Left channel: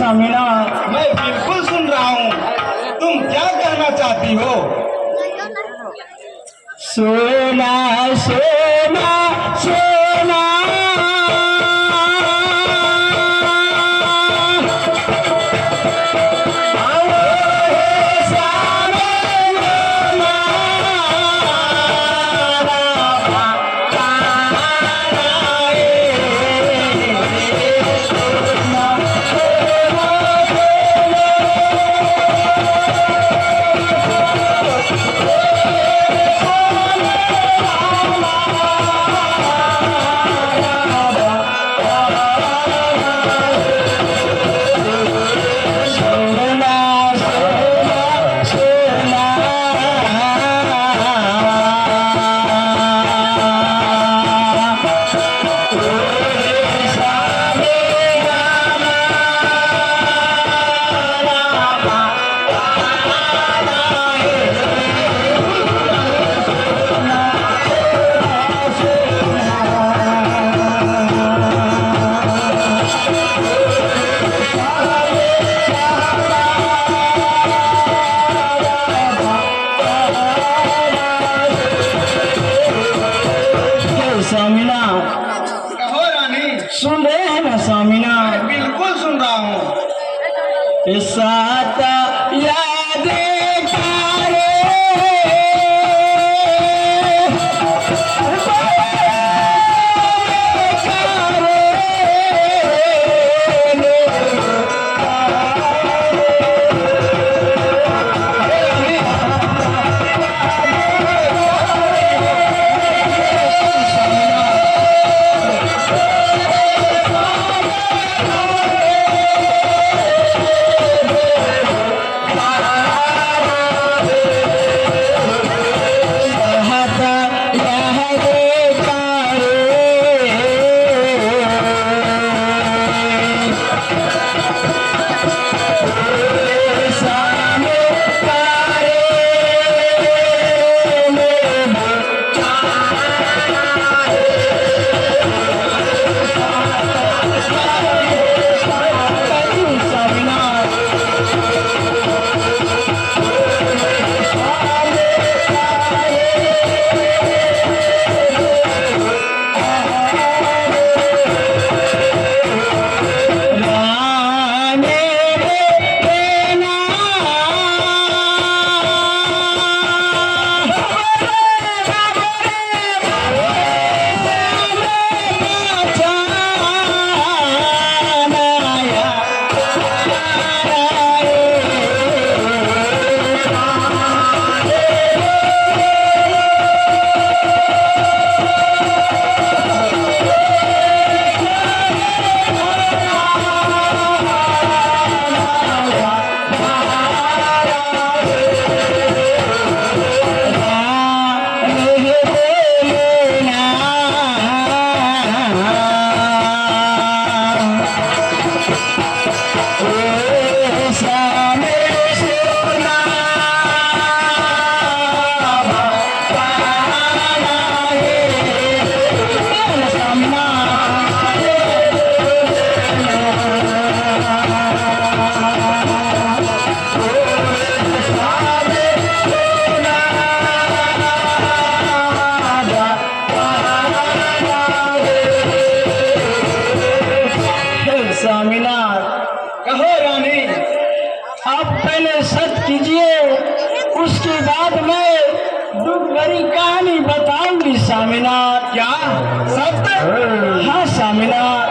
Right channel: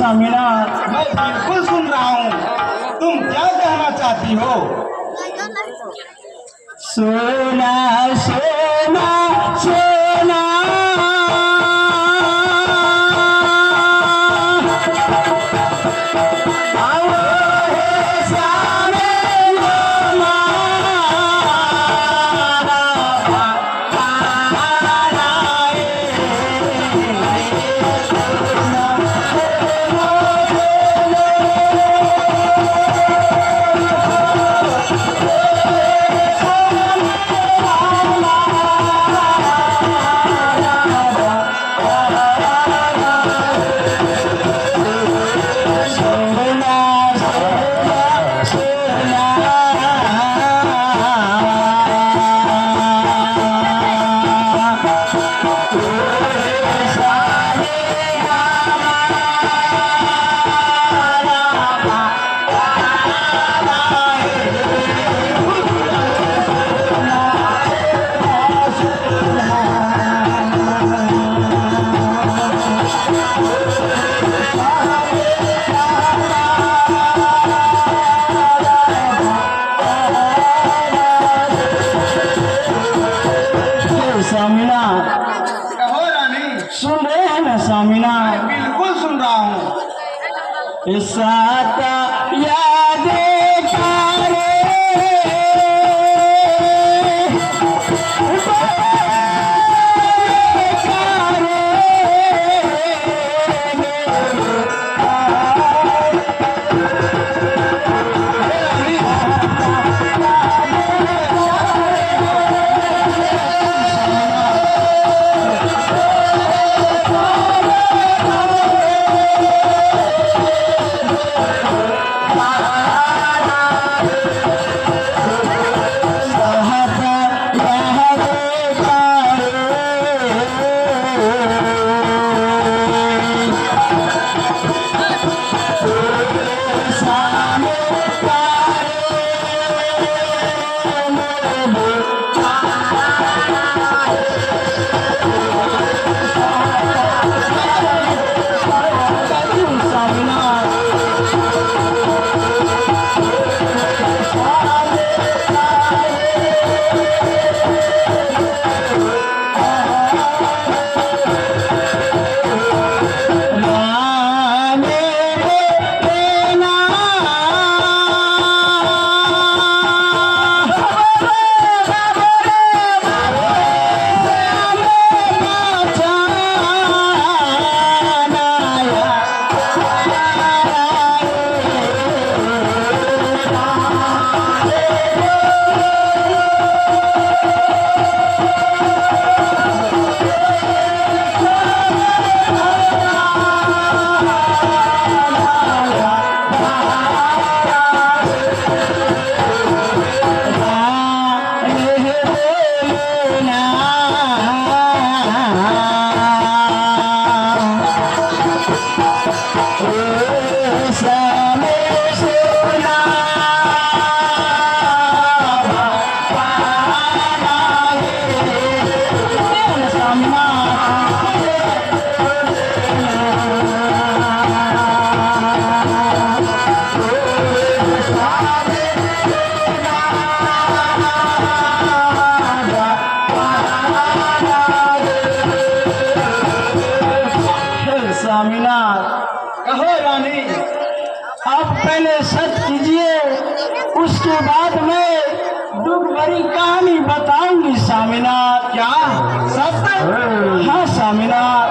स्वामीनाथ। मैं बिल्कुल सुन रहा हूँ, तुम क्या कहना चाहती हो? सोना सोना सोना स्वामीनाथ। कहो रानी। सुन रहे हैं ना स्वामीनाथ? मैं बिल्कुल सुन रहा हूँ। सात यादें तारे स्वामीनाथ। कहो रानी। आप पहले सच कीजिए, उसके बाद मैं दुख भरी कहानी बताऊंगी स्वामीनाथ। क्या? सब तक? हाँ स्वामीनाथ।